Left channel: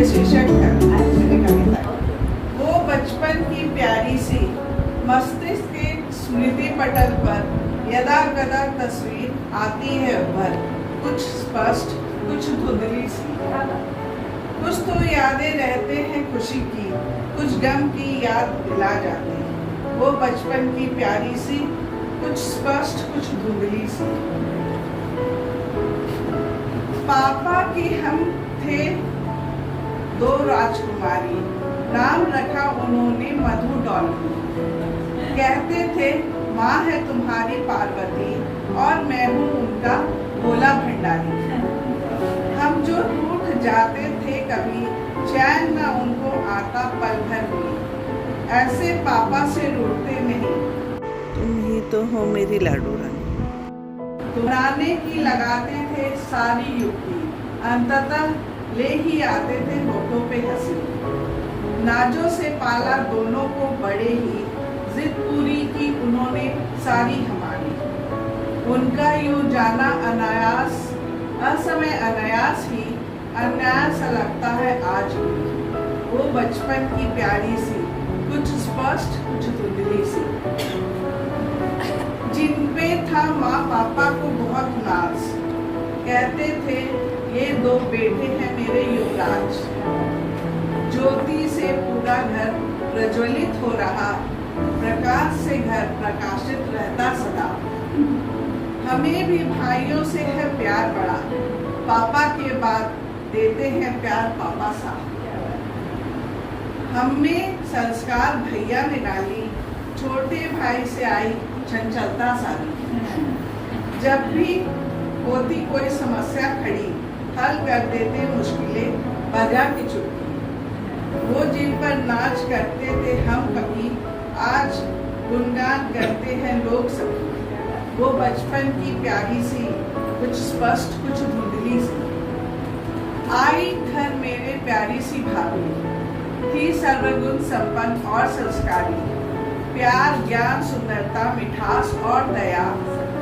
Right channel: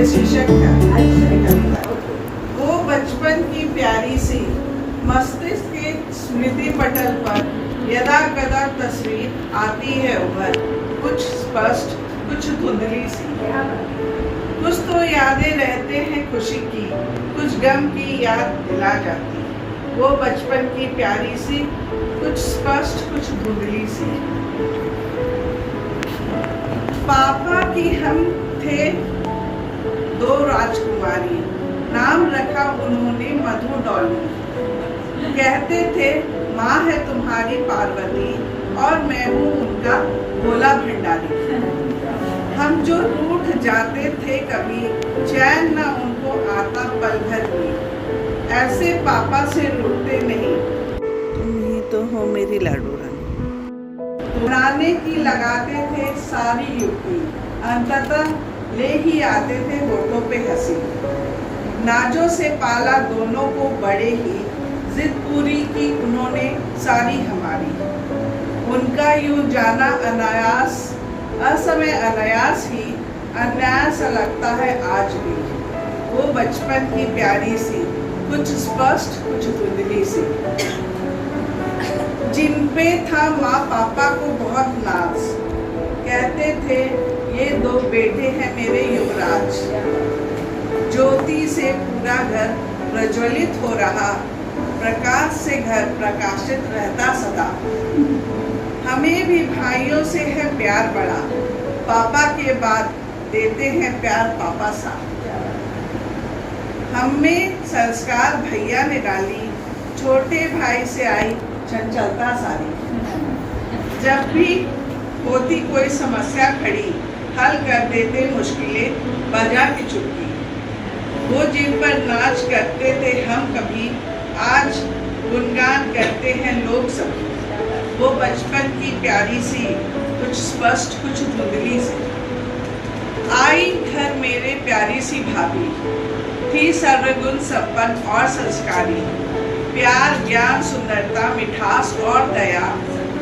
ये शीर्षक है मेरी कविता। वो बचपन की प्यारी सी मस्तिष्क के स्मृति पटल पर यदा कदा तस्वीर आती है उभर, कुछ स्पष्ट कुछ धुंधली सी। कुछ तो यादें रहते हैं खुशी की, कुछ गम की याद दिला जाती। वो बचपन की प्यारी सी कुछ स्पष्ट कुछ धुंधली सी। पापा की हम थे दो राजकुमारी, नाम रखा उन्होंने मधु डॉली। कहते थे माँ है तुम्हारी पार्वती और मैं हूँ उनका भोला भंडारी। हम जो रूठ जाते थे कभी, चैन न उनको आता पल भर भी। ऐसे पापा से रूठते नहीं, तुम ही तो हो मेरी लाडू रानी। दोहराने की लगाते थे सारी युक्ति, अंततः ले ही आते थे होठों पे हंसी। नाजों से पाला दोनों को बड़े ही, जिद पूरी की उन्होंने सारी हमारी। उनका यूं जाना अनायास, असमय अनायास ही अनायास लगता है आज भी। वो बचपन की प्यारी सी कुछ स्पष्ट कुछ धुंधली सी। जिन पे था माँ पापा को बहुत नाज, कहते थे ये दो बेटे हैं मेरे युवराज। ज्योति से पूरा घर प्रज्वलित हो रहा, प्रकाश से घर प्रकाशित रहता सदा। हमें भी भाइयों से है प्यार बड़ा, पापा के बाद देते हैं प्यार पापा सा। हमें संस्कार भैया ने डाली, छोटे भाई से आई चंचलता सारी। जब भी होती कोई समस्या खड़ी, हल कर देते मुश्किलें बजा की चुटकी। वो जिन पर नाच करते थे हम कभी, आज गुणगान करते हैं लोग सभी। वो बचपन की प्यारी सी कुछ स्पष्ट कुछ धुंधली सी। आई घर मेरे प्यारी सी भाभी, थी सर्वगुण संपन्न और संस्कारी। प्यार ज्ञान सुंदरता मिठास और दया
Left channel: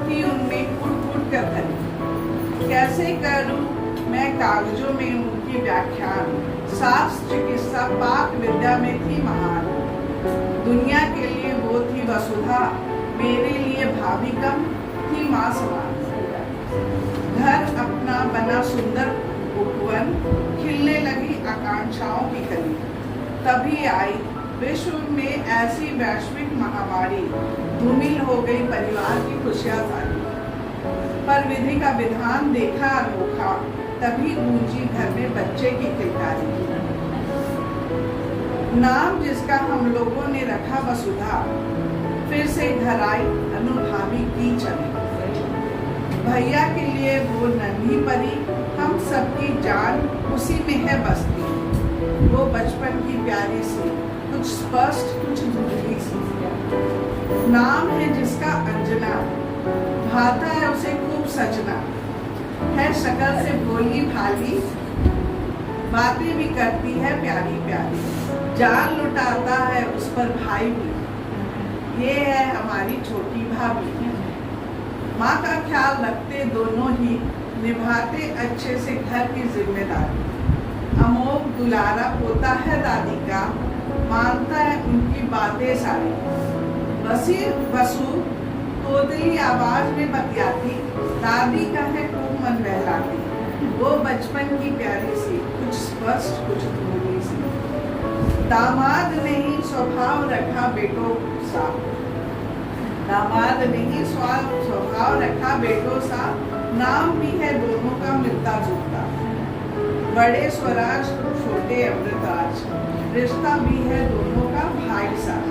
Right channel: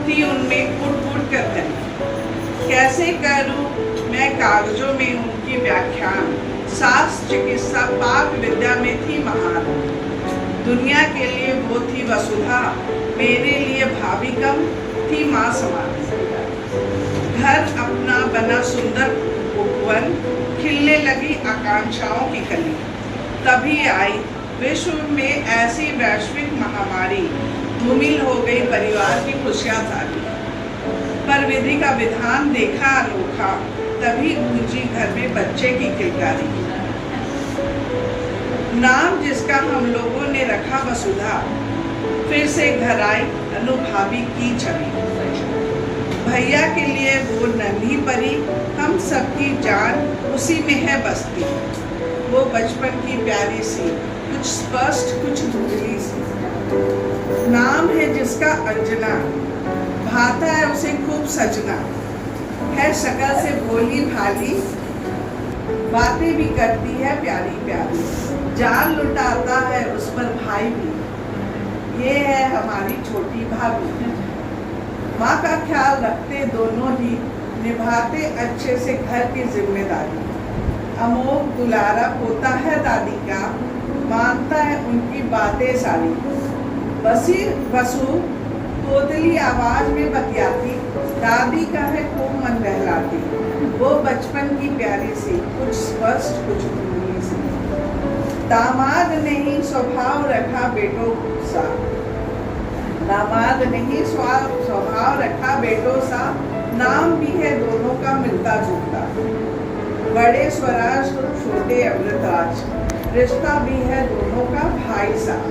थी उनमें कूट कूट कर भरी। कैसे करूं मैं कागजों में उनकी व्याख्यान, शास्त्र चिकित्सा पाक विद्या में थी महान। दुनिया के लिए वो थी वसुधा, मेरे लिए भाभी कम थी माँ समान। घर अपना बना सुंदर उपवन, खिलने लगी आकांक्षाओं की कली। तभी आई विश्व में ऐसी वैश्विक महामारी, धूमिल हो गई परिवार की खुशियां सारी। पर विधि का विधान देखा अनोखा, तभी गूंजी घर में बच्चे की किलकारी। नाम जिसका हम लोगों ने रखा वसुधा, फिर से घर आई अनुभावी की छवि। भैया के लिए वो नन्ही परी, हम सबकी जान उसी में है बसती। वो बचपन की प्यारी सी कुछ स्पष्ट कुछ धुंधली सी। नाम है जिसका अंजना, भाता है उसे खूब सजना। है शक्ल से भोली भाली, बातें भी करती है प्यारी प्यारी। जान लुटाता है उस पर भाई भी, ये है हमारी छोटी भाभी। माँ का ख्याल रखते दोनों ही, निभाते अच्छे से घर की जिम्मेदारी। अमोघ दुलारा पोता है दादी का, मानता है उनकी बातें सारी। वसु तोतली आवाज में बतियाती, दादी का है खूब मन बहलाती। वो बचपन की प्यारी सी कुछ स्पष्ट कुछ धुंधली सी। दामाद नहीं स्वभाव रखा बेटों सा, दामाद नहीं स्वभाव रखा बेटों सा। नाम भी है दोनों का मिलता जुलता, बड़े स्वराज छोटे अमृताज। रिश्ता भी है दोनों का भाई सा,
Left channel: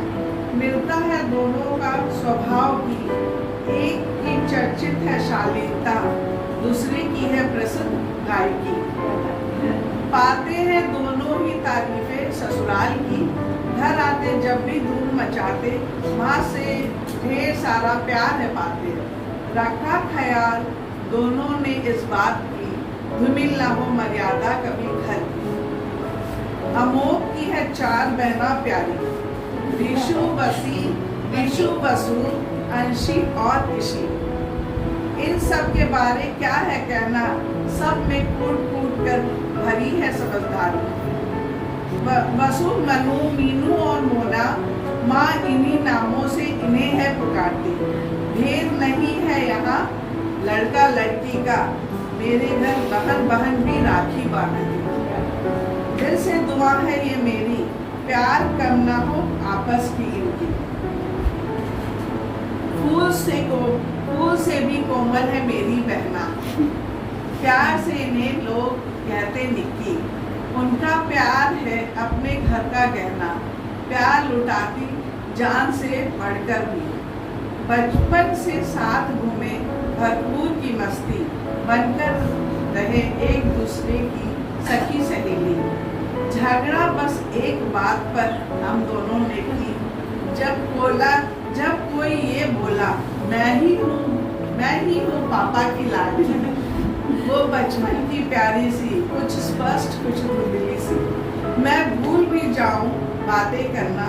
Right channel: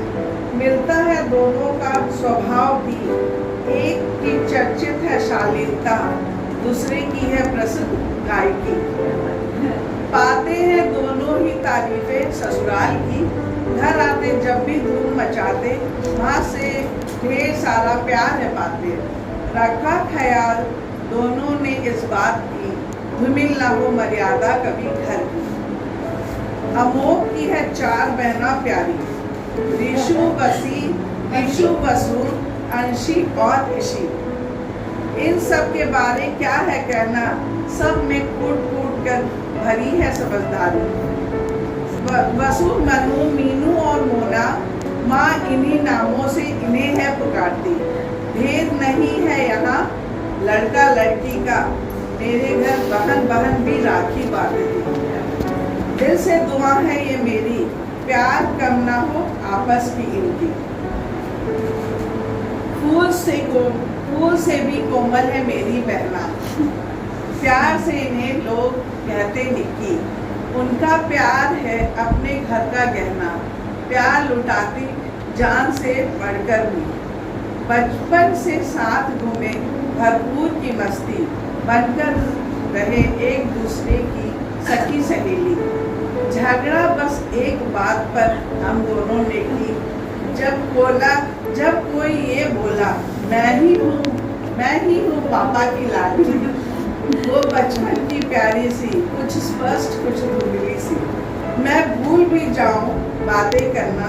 मिलता है दोनों का स्वभाव भी। एक की चर्चित है शालीनता, दूसरे की है प्रसिद्ध गायकी। पाते हैं दोनों ही तारीफें ससुराल की, घर आते जब भी धूम मचाते, माँ से ढेर सारा प्यार है पाते। रखा ख्याल दोनों ने इस बात की, धूमिल न हो मर्यादा कभी घर की। अमोघ की है चार बहना प्यारी, ऋषु वसु अंशी और ऋषि। इन सब के बारे क्या है कहना, सब में कूट कूट कर भरी है समझदारी। वसु, मनु, मीनू और मोना, माँ इन्हीं नामों से इन्हें है पुकारती। भेद नहीं है यहाँ लड़का लड़की का, मेरे घर बहन बहन भी राखी बांधती। दिल से दुआ है ये मेरी, प्यार कम ना हो आपस की इनकी। फूल से भी कोमल है मेरी बहना, प्यार से इन्हें लोग कहते निक्की। उनका प्यार है अपने घर का गहना, प्यार लुटाती जान से बढ़कर भी। बचपन से साथ घूमे भरपूर की मस्ती, बनकर रहे एक दूसरे की सखी सहेली। झगड़ा बस एक बात पर हम दोनों ने की, जब कोई ये बोला मैं ही हूँ पापा की लाडली। वो बचपन की प्यारी सी, कुछ स्पष्ट कुछ धुंधली सी। मैं भूल भी जाऊं बातें करना,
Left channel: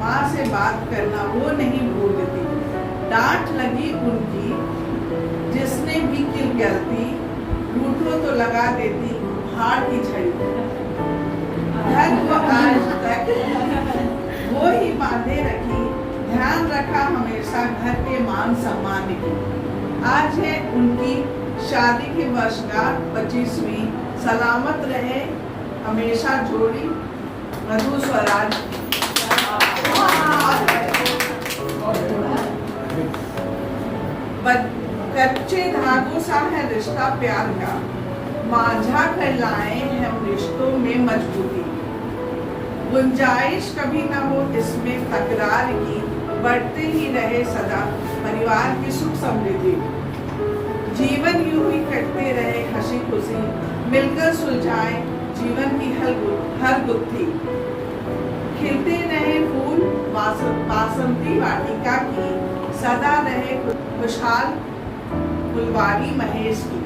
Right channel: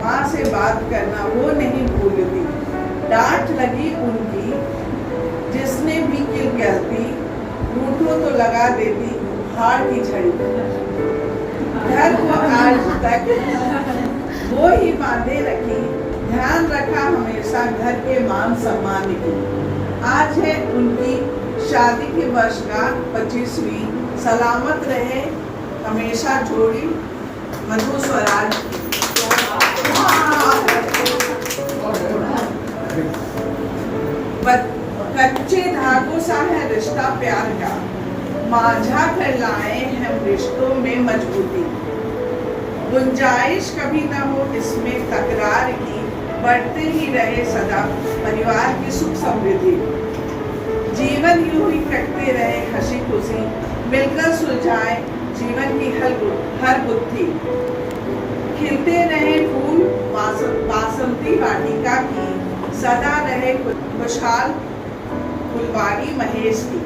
माँ से बात करना वो नहीं भूलती। डांट लगी उनकी जिसने भी की गलती, रूठो तो लगा देती हार की झड़ी। घर को आज तक वो ही बांधे रखी, ध्यान रखा हमेशा घर के मान सम्मान की। आज है उनकी शादी की वर्षगांठ 25वीं, सलामत रहे हमेशा जोड़ी मधु स्वराज। कच्चे धागों सा है रिश्ता प्यार का, माझा कर लाए हम रिश्तों में मजबूती। गुंजाइश कभी न हो इसमें तकरार की, बढ़ते ही रहे सदा परिवार की सुख समृद्धि। जीवन यूं ही कटते रहे हंसी खुशी, मिलकर सुलझाए जीवन की हर गुत्थी। खिलते रहे फूल बासंती वाटिका की, सदा रहे खुशहाल फुलवारी महेश की।